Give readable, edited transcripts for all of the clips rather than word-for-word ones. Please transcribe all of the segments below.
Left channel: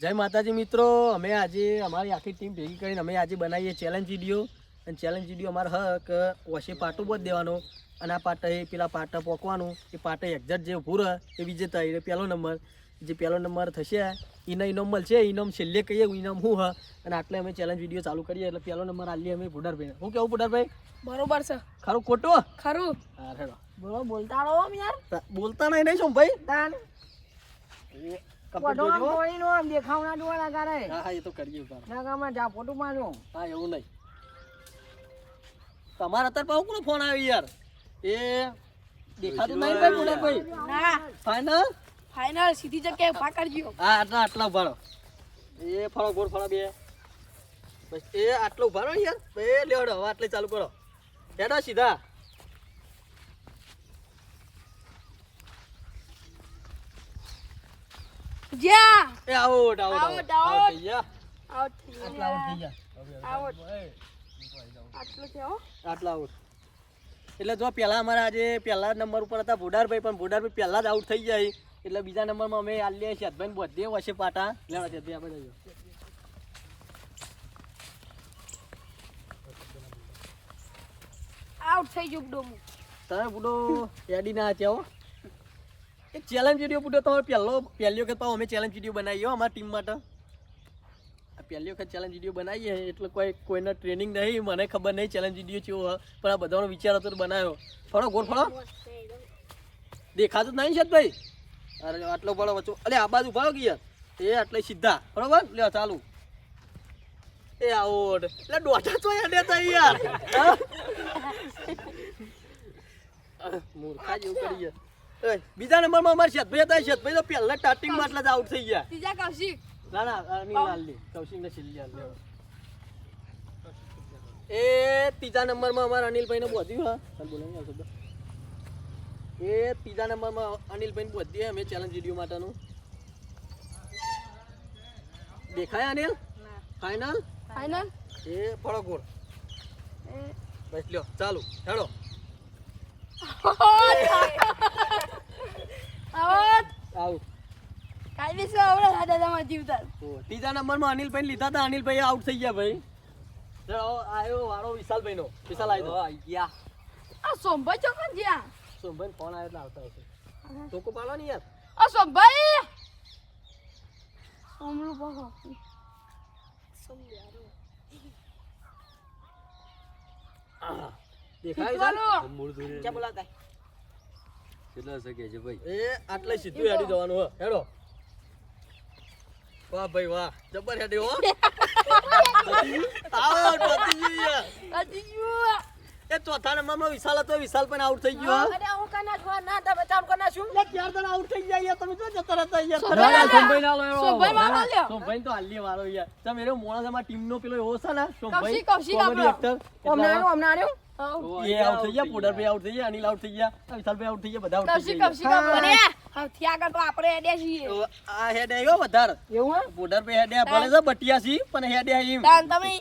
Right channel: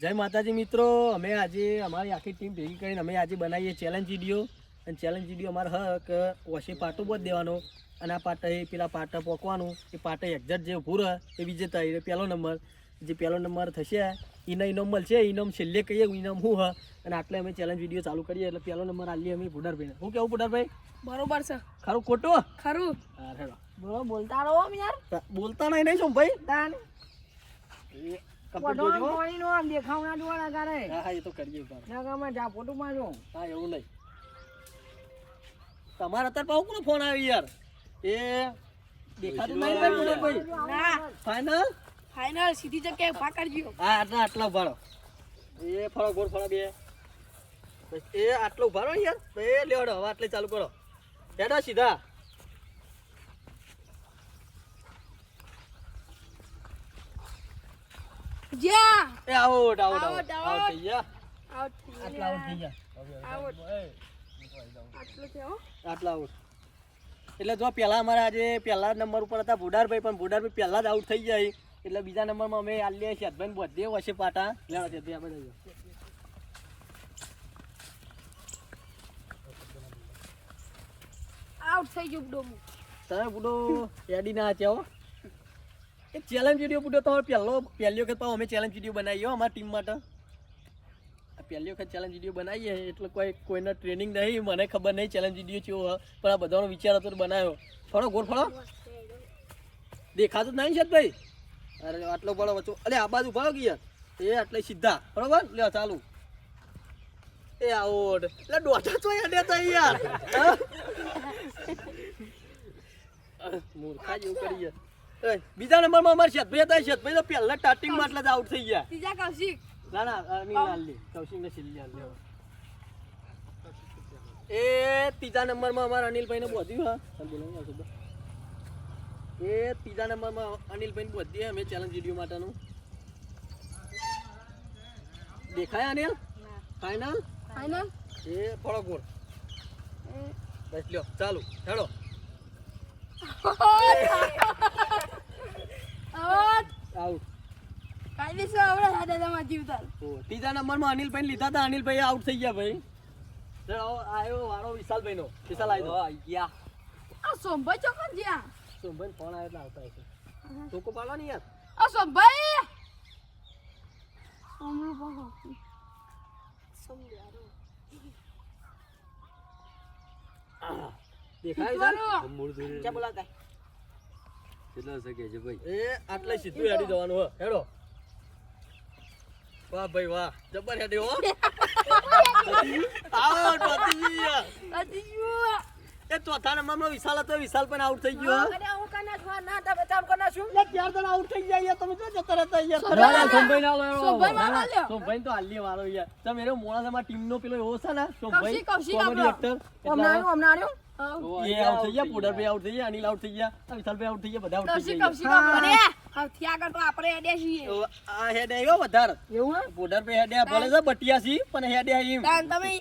જય માતાજી મિત્રો, અમે આજે અમારી આખી ટીમ ભેગી કરીને અમે આજે બનાવીએ ચેલેન્જ વિડીયો. અને ચેલેન્જ વિડીયો અમારો કે ઓછી પાટો બોધ દેવાનો અને આ પાટા એ પેલા પાટા પોકવાનું. એ પાટા એક્ઝેક્ટ જે ઊભું રહે એ વિજેતા, એ પહેલો નંબર. જે પહેલો નંબર થશે એને ઇનામ મળશે. ઇનામ છેલ્લે કહીએ ઇનામ શું હ. અને આટલે અમે ચેલેન્જ વિડીયો ચાલુ કરીએ એટલે પહેલો નંબર આલીએ અમે ભુડારભાઈને. શું કેવું ભુડારભાઈ? બરોબર છે. ખરું ખોટું? ખરું. હા હેડો. બોલો બોલતા રહો યાર. બોલતા નહીં શું ભાઈ? તાન કપડ જોજો. કોઈનો આમ દેખાવના જોવાના કરે. હા એ તો કરીએ ઉતાર. ના ગામમાં જા ફોટો મારો. હા એવું નહીં. તમારા અત્યારે પાછો કોનો ફોન આવ્યો યાર? એ દેખાતું નહીં ભાઈ ભુડારભાઈ. ના ફાઇનલ ફાઇનલ સીધી જગ્યાએ પાકડજો. હા આટલા ઉભારો. એ ફળો ગોળ ફળો બે બસ. એ આટલો ઉભારો યાર. એ લેવડો હવે આટલે ચાલુ કરો. હેડો સીધા. જા એ out out out, out out. થઈ ગયા. આઉટ થઈ આટલા આઉટ થઈ ગયા. આઉટ. આટલું છે હો. આટલા આઉટ. એટલે જો પહેલા અમારા આજે પહેલા નંબર ઉપર હતા ભુડારભાઈ, પણ ભુડારભાઈ પહેલા જ આઉટ થઈ જાય. એટલે બીજા નંબરમાં અમે આલીએ શેતભાઈ બધે વચ્ચે પાટા લેવા છે. ત્યાં બધા આઉટ થઈ ગયો ડોમુ. તમે બુડો એડી ના હો. એક ચેલેન્જ વિડીયો બુડો તો પહેલી વખત પાછો અમે ચેલેન્જ વિડીયો બનાવીએ અમારી ટીમ માટે. આ પહેલી વખત ચેલેન્જ વિડીયો બનાવીએ એટલે કોઈને ટ્રેનિંગ નહીં, મને ખબર નહીં ચેલેન્જ વિડીયો કેવો હોય, પણ આ બધાનો વિચાર હતો બનાવ્યો. ફળો ગોળ ફળો દેખાતું જ નહીં છે ભાઈ. અરે આટલો ફળો વચ્ચો. અરે આ બાજુ ફળો ગયા એ આટલે સીધા બરોબર. લે ચાલુ. એ આઉટ. એટલે દોઢા તો યાર યાર મૂર્ખા જેવું કરી યાર. બીજા નંબરમાં અમારે શેતભાઈ હતા. શેતભાઈ તો પહેલા સ્ટાર્ટિંગમાં એટલે જ આઉટ થઈ ગયા. ત્રીજા કૌશિક. ના ના અનિલ લાલની કૌશિક ને છેલ્લી આલ લેવો. એ ત્રીજા નંબરમાં અમારા અનિલભાઈ ને બોધ્યું. હા બોલો ને શબ્દ. એ ત્રીજા નંબરમાં અનિલભાઈ ને બોધ્યું અમે ચેલેન્જ વિડીયો માટેનું. દેખાય અનિલ? Final final. એ ફળો ગોળ. બસ લ્યો ચાલુ હેડો. આઉટ. આઉટ. કાયદેસર આવડે દાદામાં જીવતા. ત્રીજા નંબરમાં અનિલભાઈ લીધા હતા. અનિલભાઈ આઉટ થઈ ગયા ભાઈ. આવ્યો વાળો વિશાલભાઈ નો. વિશાલ આવી ગયા. આ સોમભાઈ ચોકન જ્યાં. સોમભાઈ ફોન આવે એટલે આવતા હશે. ટોકો પાડો ને યાર. આ સોમભાઈ અમરું બહુ સોમયારો દેખાય છે ક્યાં બોલાતા કેટલા શકે છે ભાઈ? એ આટલે સીધું હેડી જવાનું હો. હેડો. વાહ ભાઈ વાહ જબર હેડી હો. આઉટ પતી ગયું યાર. અજીયો એ ચોથા નંબરમાં વિશાલ હતો. વિશાલ પણ આઉટ થઈ ગયો. અરે હું કના છોડ ના તા બચાવ કના છું. લે ચાર જણા આઉટ થઈ ગયા યાર. તમે જો જતા રહેતા યાર. સોમભાઈ ના લો એનો. સોમભાઈ વાળો લ્યો. સોમભાઈ તો હાલી વાળો યાર. તમે એનો મોણાસામાં ટીમનો પેલો એવો છે ને સોમભાઈ કૌશિક કોમેડી એક્ટર. અમને આર્યો એ આઉટ થઈ ગયા. પુડરભાઈ આઉટ થઈ ગયા. અનિલ આઉટ થઈ ગયા. વિશાલભાઈ આઉટ થઈ ગયા. બધા આઉટ થઈ કૌશિક ગયા. આપણે હથી આગળ તો આપણે એડે છીએ. આ હેડ આવ્યો વધારે. એવું હે? પુડરભાઈ હેડ ભલે છે બટિયાસી પણ હેડ આવ્યું. તાન તમે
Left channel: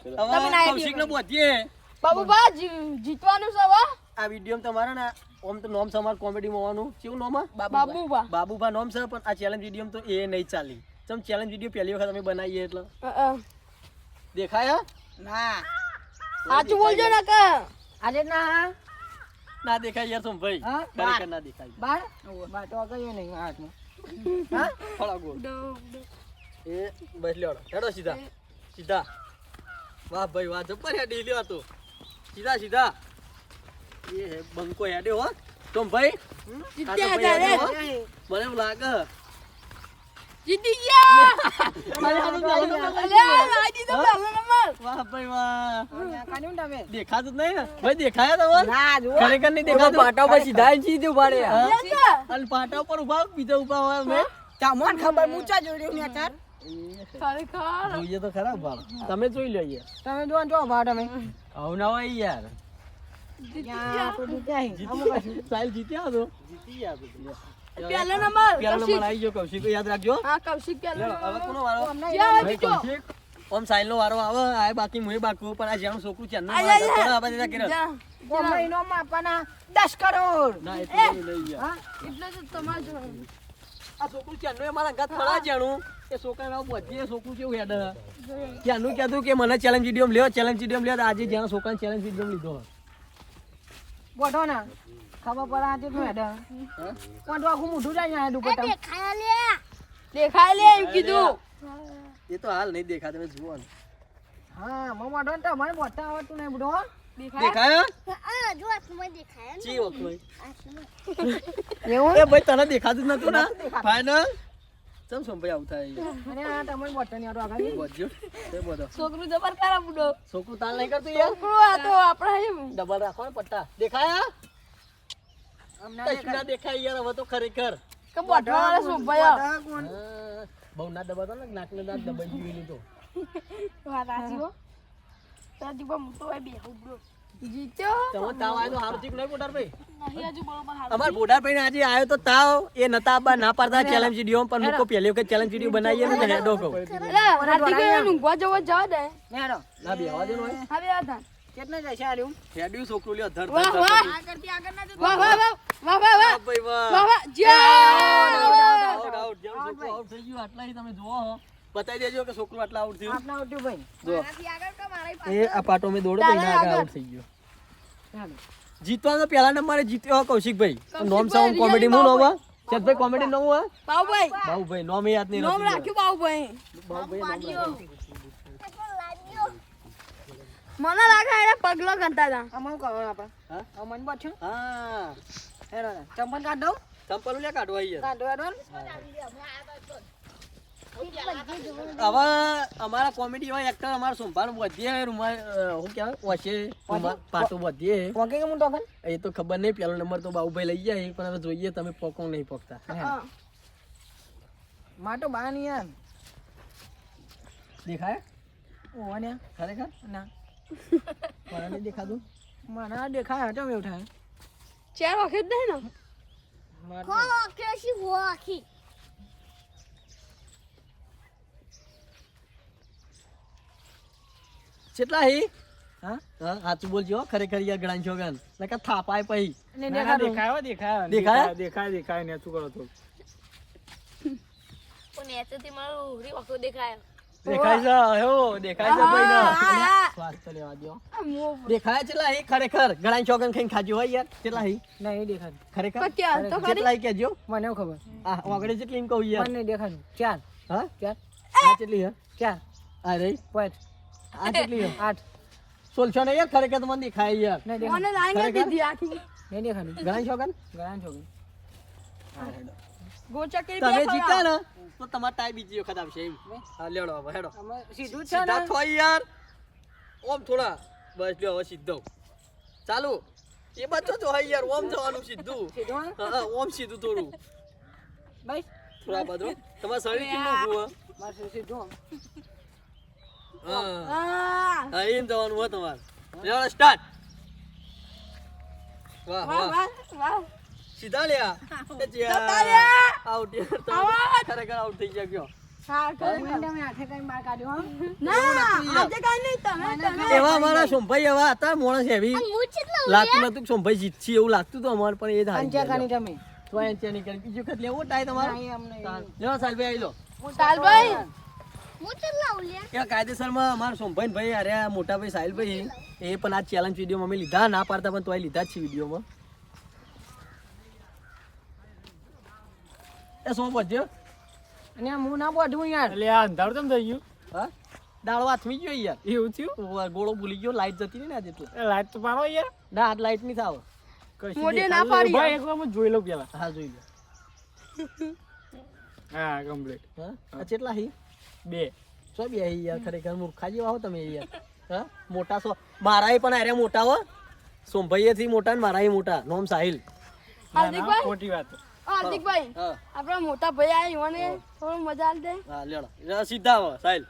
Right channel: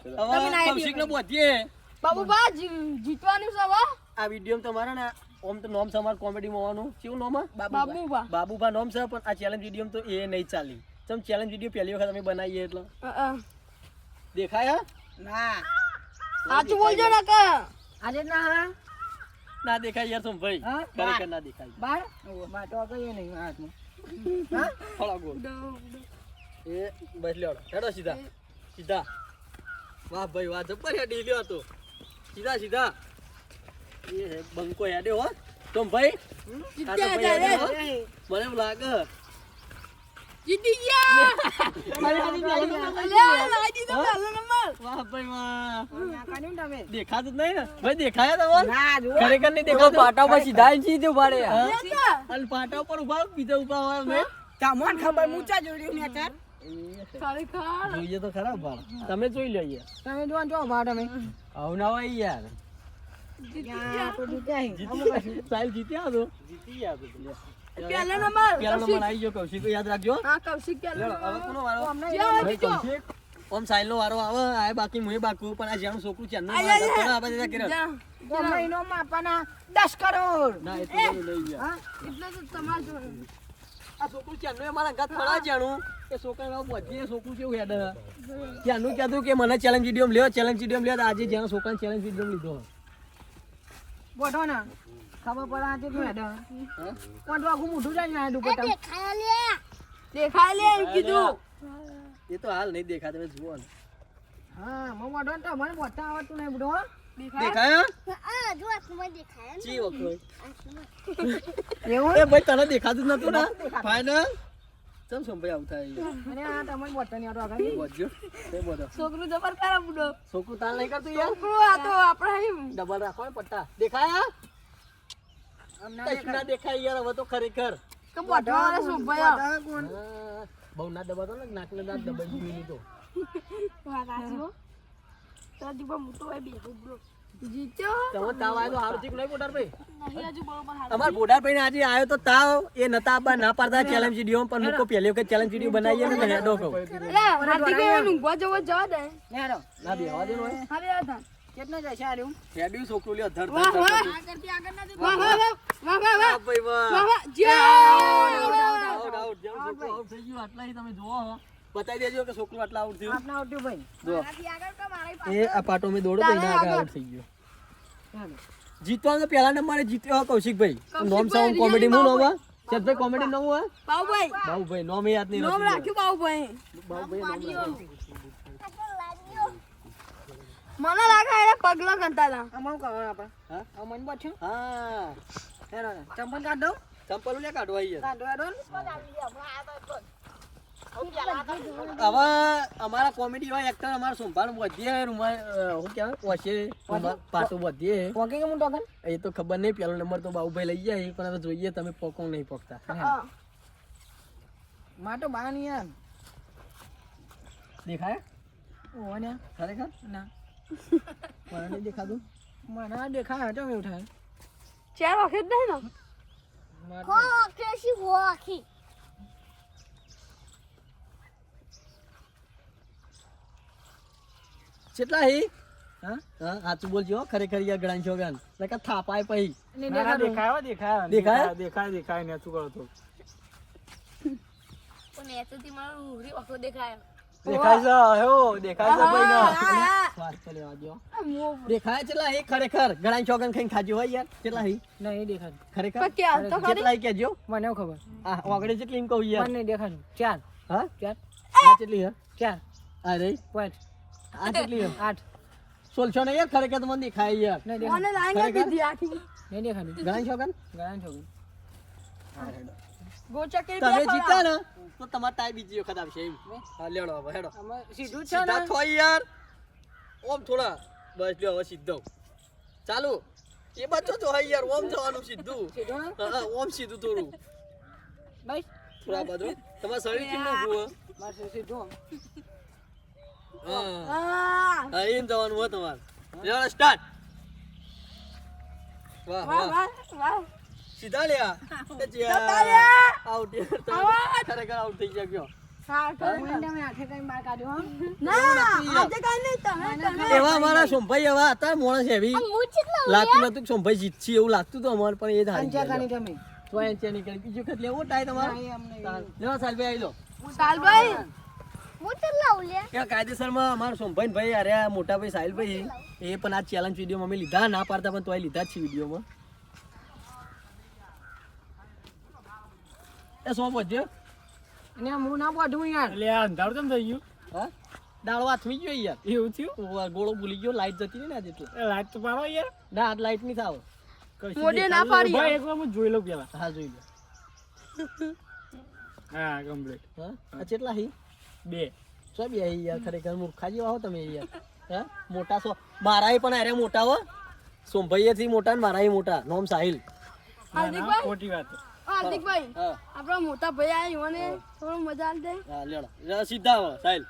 ના કૌશિક ને પહોંચીએ. બાબુબા જીતવાનું છે હવે. આ વિડીયો તમારા ને ઓમ તો નોમ સમાર કોમેડી માં હોવાનું. કેવું નોમ? બાબુબા બાબુભા નોમ છે. પણ આ ચેલેન્જ વિડીયો તો એ નહીં ચાલી. ચમ ચેલેન્જ વિડીયો પહેલી વખત અમે બનાવીએ એટલે દેખાય ના સાચું બોલજો ને કે આજે ના ના દેખાય યાર. ભાઈ ખરેખર ના દેખાય. બાર બાટો કયો નહીં હાથમાં હા ફળા ગોળ. એ બસ લ્યો હેડો સીધા સીધા. વાહ ભાઈ વાહ જબર હેડી લ્યો તો સીધા સીધા. એ બંકો હેડે હો તો ભાઈ. મને એવું લાગે જીતી ગયા. વાહ ભાઈ વાહ. કાનું તમે દેખાતું જ નહીં ને ભાઈ? દેખાયા તમારે? ના જો ખરેખર નહીં દેખાતું. પાટા પર સીધા સીધું પાડે. યાર અને પાટા ઉપર ઉભા બીજા ઉભા હોય મેં તમને ખબર મૂચા જોડ્યું ને તાર ખરેખર જોઈએ તો ખરા ભાળ. તમે જોઈ લો યાર. તમે જો જો ભાવ તમે આવું ના હોય યાર. યા તો જીત્યા સાહેલ જીત્યા તો જીતી ગયા તો. પહેલો નંબર પહેલો નંબર આવી ગયો. કૌશિક યાદ રાખજો. હા કૌશિક પહેલો હવે કોનો વારો? ભાઈ કૌશિક. ઓમ સાહેલ નો વારો આવે. આ બાકી મુએ બાકી પણ આ જેનું છોકરું છે ને થોડા આવા દેતા કરે. મહિનો માં આપવાના 10 કરોડ. ના એટલું બધું લઈ ગયા. હા એટલે તો તમારે આ છોકરું ચાંદનું એ મારા ઘર ફળા જાણું એ છોકરા બધી છોકરું કેવું હેડ ચાંદનું કહેતું કે મને ચેલેન્જ વિડીયો લ્યો આજે જ્યાં છોકરાને ચેલેન્જ વિડીયો લીધો બોટો ને ખબર પડે આજે નું હેડા કોણ આખું મોઢું જાય ને દુપટ્ટા દેખાય લે એમ કીધું એ તો હાલ નહીં દેખા તમે જુઓ ને હા મો મોઢો તો મને બોટતા આવડતું નહીં બુડો દેખાય જો આંખમાં દેખાય ને ચી વખો એવું એ ભાઈ તને દેખાતું જ નતું ને ફાઈનલ ચમ સંભાઈ આવું થાય અને આ તમને બોટતા નહીં આવડો આગળ બોજો તે બોલો છોકરું જબર તારા બુડો છોકરું તાલ નહીં કરતું યાર છોકરું આ તો આપણે ડબલ રાખો ને પટ્ટા દેખાયા અમને કશું ના દેખાય યાર હવે તો ખરેખર કે બોટો વાળા શું ભયા હા, બહુ ના દબાતો ને નાક ને દાંત દબાઈ ગયું એની તો વાત આજી હો તારા દીપા મોટો હોય બે બુડો જીત્યો તમે તાવ આવ્યો તો સારું થયું નહીં બોટાર ભાઈ નહીં હજુ બરોબર હાલ અમાર બોટાર ભાઈ આજે આવ્યો તો તાવ એ નતા આબા ના પાડતા ચેલેન્જ વિડીયો પણ મૂકો પહેલી વખત ચેલેન્જ વિડીયો બનાવીએ ને એટલે હેડો કહું ઊંઘવા જવો જવા દે નેડો ના બેહવા દે નોય હવે આ થા કેટલા જાય છે આર્યું હેડ્યું છોકરું લ્યો ધર વાહ ધર વાહ વાહ વાહ વાહ વાહ વાહ ભાઈ વાહ વાહ વાહ જય આઉટ આઉટ જેમ છોકરું આઉટ થઈ ગયું આટલા તમે જોવો હો બતાવી દેજો કે છોકરું આટલા આઉટ થયું આપના આવટ્યું ભાઈ જો એ આ પાટો મેં દોડો તો એના આગળ આઉટ થઈ ગયો જીતવાનો પહેલા નંબરે જીત્યો કૌશિકભાઈ નોમ સાઉન્ડ કોમેડી હું નોમ ચેતભાઈ કોમેડી નોમ હે બાઉભાઈ બાબુભાઈ નોમ યાદ નહીં નામ રાખ્યું બાઉભાઈ બાબુભાઈ નામ મને લાગે એને પગલો કરતા હતા અમન કરો આપણે હા અમન બચ્યો હા હેરો ચંપલ કાઢ દઉં ચંપલ લે કાઢવા યાર કાઢો કાઢો હવે અમારા કોમેડી વાળા એક્ટર અમારા સોમભાન વધીએ હું કહેવાય ઓછે પાટું વધીએ પોકે કે હું ટોકન એ તો ખબર નહીં પહેલો નંબર તો બાબુભાઈ લઈ જાય પણ હવે જોઈએ તમે પોકો નહીં પોકતા માટો બા ની યાર દેખાય ઓ ને ખરેખર ના મને નહીં દેખાતું મને આ દેખાય હટો એવું થાય ચાર વખત નહીં ને હો કેસી હો આખી કેટલા હી હા હા સાચું બોલજો હો, ખરેખર યાર ગણાય છો ગણ નકર થાપાય પછી ને દેખાડું દેખાય ને શું કરો તો પણ એ તો તે મારું ઉભરી વખો દેખાય દેખાય છે હો દેખાય છે ભાઈ ના શ્વાસ તો લેવા દ્યો દેખાય કેટલા હી ખરેખર ગણાય છો ગણ ખાઈને ખાજો હોય યાર કેટલા હી નહીં દેખાતું ખરેખર પણ ક્યાં તો ખરી? કેટલા હી કેજો મને એવું ખબર આ આગળ જેટલી એમ કહું યાર મને નહીં દેખાતું ચાર હા ચાર આ કેટલી હે ચાર આ રહી પાંચ આ કેટલી હે 8 સોલસો ને યાર ખરેખર તો મને દેખાય યાર નહીં દેખાતું ખરેખર? નહીં દેખાતું ગણાય છો ગણ ગળાન છોકરી તમે જીતા ને તો તમાર ટાઈ બીજી વખત આવશે એમ હા લેડો હવે હેડો સીધું છે સીધા ને થોય યાર ઓમ થોડા બસ લ્યો હવે સીધો ચાલુ એ બચ્ચો જો હોય યાર ઓમ જવાનું સીધું સીધું હે? હા ઓમ સીધું થોડું બસ થોડા બાજુ તમાર શરીર કેમનું ભૂ મારે સીધું હા આ હા એમ જવાનું હોય તમાર લેડો સ્ટાર્ટ વાહ વાહ વાહ વાહ વાહ સીધા લ્યા જતા રહ્યા. આઉટ યાર તમે ખરેખર આઉટ થઈ ગયા કયો હા તમે આખે કઈ બહાર કાઢ્યો હો એવું ના નથી યાર. આજે કઈ નહીં તમે એવા અમારા સોમભાઈ એવા હતા માણસ એવી હું કેટલા લાગતું નતું કે સોમભાઈ જીતશે એવું લાગતું તો અમારે પણ એ જ હારી અંચા ગયા કાની તમે તો એન્ચા ની કરી બીજું વખત લેવો ટાઈ તમારો નહીં, અમને ચાલ. લેવો સાલભાઈ આવી લો સાલભાઈ હું કેટલા ઉલ્યા એ કાયદેસરમાં અમારા સોમભાઈ ભાઈ અરે આ મોટા ભાઈ સાહિલભાઈ એ પણ આ ચેલેન્જ વિડીયો અમે લીધા ના પાડતા પણ તોય લીધા જ છે વિડીયોમાં એ સોમ વધ્યો અને હું ના બોધું યાર એટલે આ અંધારું કેમ થઈ ગયું હા દાળો હાથમી ગયો યાર એવું થયું ગોળો ભૂલી ગયો લાઈટ જતી રહી ને આજે એટલે એ લાઈટ તો પાડો યાર ના આજ લાઈટ નહીં થાવ કશું મોઢે ના દેખાતું પાડી. નહીં. ભાઈ એક વાર હું જોઈ લઉં પેલા હા જોઈ લો હા કમ્પ્લીટ હા આ કેટલા હી 2 સો બે હી યાર ખરેખર મૂર્ખા જેવા હો તમે યાર હા મોટા સો મારાય પણ અરે મોટા હો સોમભાઈ થી મોટા ને મારાય મોટા નોમ સાહિલ ના હાર્દિકભાઈ? ખોટી વાત હાર્દિકભાઈ હા આપણા મોટા ભાઈ આવ્યો ને થોડું મજા આવી જાય હા લેડો સીધા આવો સાહિલ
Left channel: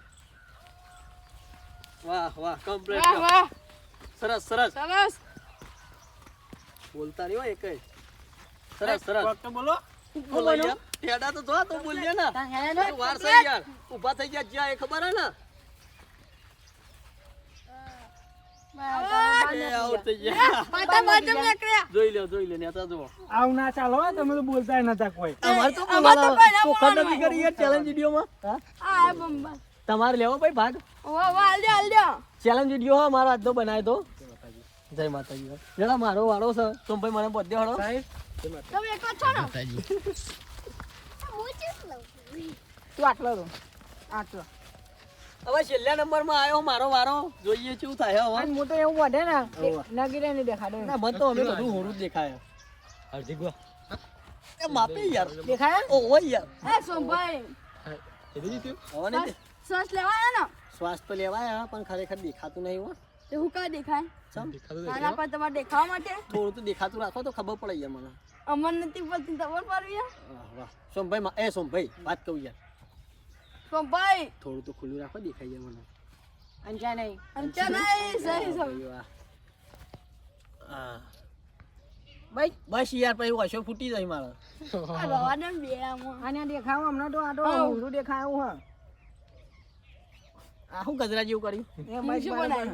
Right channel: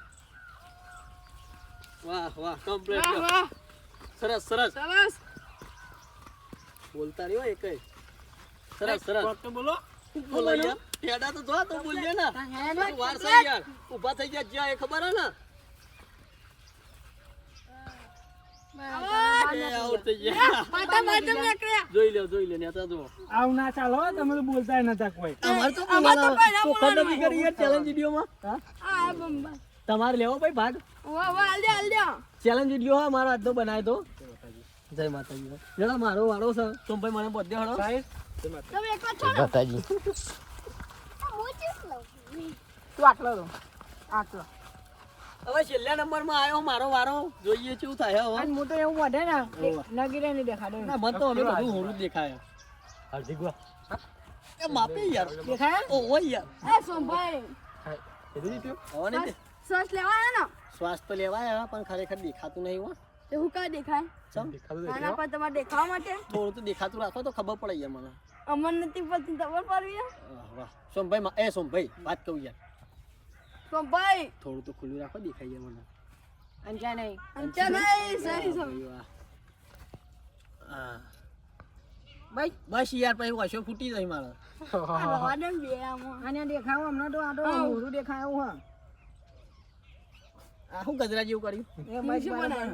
વાહ વાહ કમ્પ્લીટ વાહ વાહ સરસ સરસ સરસ બોલતા રહ્યો એકય સરસ સરસ વાત તો બોલો બોલો યાર ટેડા તો જો તો બોલજે ને તાન હેડે ને? તું વાર છે યાર ઊભા થઈ ગયા જ્યાં એ ખબર હે ને આઉટ થઈ ગયા. જોઈ લ્યો નેતા જુઓ. આવ ના ચાલો હો, તમે તો બોલતા નતા કોઈ. અમારે તો બોલવાનું ચોખા નથી કરી યાર ચેલેન્જ વિડીયોમાં. હા? તમારે લેવો ભાઈ ભાગ ચેલેન્જ વિડીયો હો મારો આજનો બનાવ્યો તો. જય માતાજી. જરા મારો વાળો છે સોમભાઈ મને બધે હળો. માતાજી. તું આટલો રહો. આટલો. હવે છેલ્લા નંબરમાં આવ્યો મારો વારો. જોઈએ શું થાય હવે. અને હું તો એવું વધે ને નગીરે નહીં દેખાડે. ના મન તો અમે બધું હોરું જ દેખાય. એ માપે યાર. દેખાય? ઓહો યાર. સોમભાઈ હવે નહીં દે. શ્વાસ લેવાય ને શ્વાસ તો લેવાય પણ ખરેખર દેખાતું નહીં હો. તે હું કઈ દેખાય ચમ આના પર તમારે દેખાવા માટે થોડું તો દેખાતું રાખો તો ખબર પડે યાર મને. અમર નથી પડતી ખબર પડવી વાહ સોમભાઈ સોમભાઈ વાત કહું યાર સોમભાઈ થોડું તો ખુલ્લું રાખો દેખાય યાર મને. અંચા નહીં સહી વાહ. હા ભાઈ બસ યાર પછી વશો ફૂટી જાય મારો. આને દેખાવ હમણાં તો આ તો ઊંધું દેખાય એવું હા આ શું ગજરા જેવું કર્યું. એ ભાઈ બરાબર.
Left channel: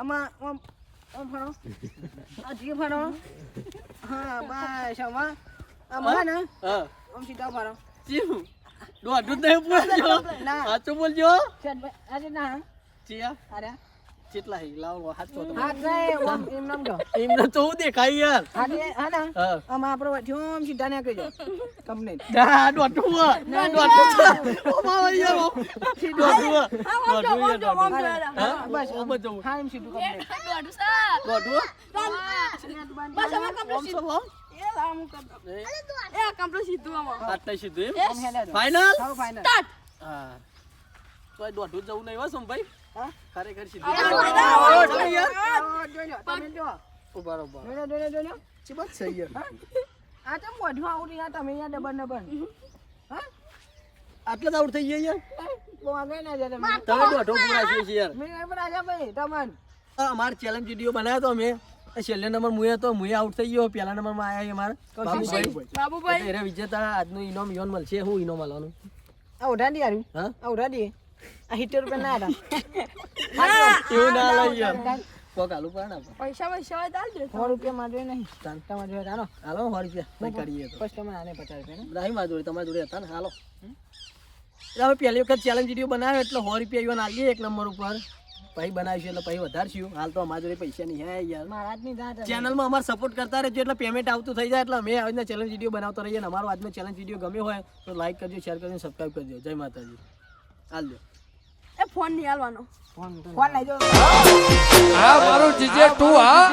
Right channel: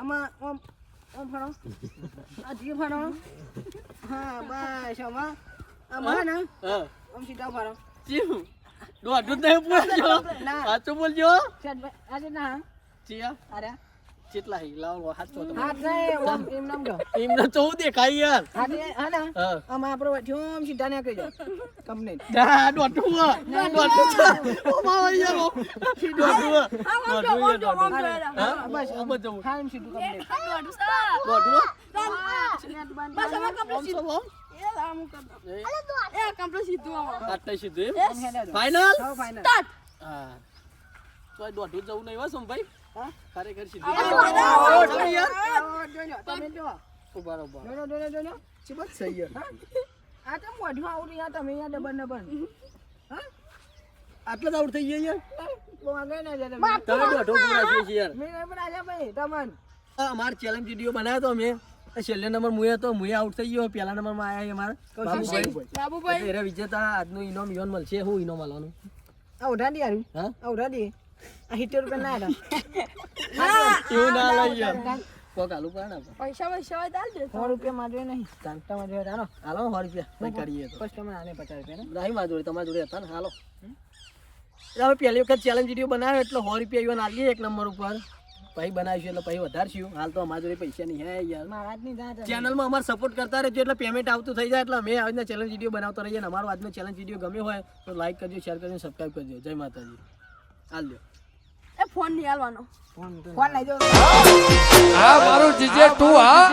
આમાં ઓમ ફરો આ જી ફરો હા બસ આમાં ને હા ઓમ સીધા ફરો ચીવું દોઢું જ નહીં બોલજો. ના. સાચું બોલજો. આજે ના ચિયા અરે કેટલા હી લાવો હાથ તો હાથ નહીં ઓમ એમ નામ જો એમને તો હું દેખાય યાર. હાથ હા ના હા આમાં આપણો ઓમ સીધા ને કહી દો કંપની ના દોઢું ઓ માવા યાર ઓ દોઢું યાર હા બસ ઓ બધું હા એમ સીધું કંપની દોઢું બસ અમે ઓમ સો ઓમ એ રામ કરતો એ કંપની સીધું આમાં આટલે સીધું ઓમ હેલે ફાઇનલ. હા ફાઇનલ હા તો દોઢું જવું નહીં હો સોમભાઈ. હા ખરેખર સીધું તમે જો બરોબર જોજો ચીબત છે યાર. આ તો મોઢું આવડી આ તમે યાર ડબલ હા આટલા જ આઉટ થઈ ગયા યાર. બહુ આગળ ના જતા તમે દોઢો પૂરા છે યાર. મેં પણ આજે ભાઈ તમન અમાર ચેલેન્જ વિડીયો બનાવ્યો તો અમે છેલ્લે નંબર મુએ આઉટ થઈ ગયો. પહેલા નંબરમાં આયા અમારા બાબુભાઈ. એટલે વિજેતા આજનું ઇનામ યોન મળશે. હું ઇનામ મળવાનું આ ઉઠાડી યાર હા આ ઉઠાડી આ 70 રૂપિયા ના એવું ના લઈ યાર. કોક આલુ પણ આપો. પૈસા હોય ચાલ દે 100 રૂપિયા માં જોઈએ નહીં તમારે જોઈએ હાલો હાલો 100 રૂપિયા નહીં કરીએ તો કસ્ટમર આને 50 રૂપિયા ને નહીં મારી જોડે તમારી જોડે હતા ને હાલો. એટલે હવે પહેલી વખત ચેલેન્જ વિડીયો બનાવ્યો એટલે 100 રૂપિયા યોન આલીએ એક નંબર ઉપર. પછી બનાવીશું એટલે પછી વધારશું. હાલ તો અમારી જોડે પૈસા નહીં હે યાર. મારા જ નહીં જાત ચેનલમાં અમારે સપોર્ટ કરતા રહેજો એટલે પેમેન્ટ આવતું થઈ જાય. એટલે અમે આજના ચેલેન્જ વિડીયો બનાવતા રહીએ. અને અમારો આજનો ચેલેન્જ વિડીયો ગમ્યો હોય તો લાઈક કરજો, શેર કરજો, સબસ્ક્રાઈબ કરજો. જય માતાજી. હાલ દો એ ફોન નહીં આલવાનો ફોન લઈ જાઓ મારું જીજે તું હા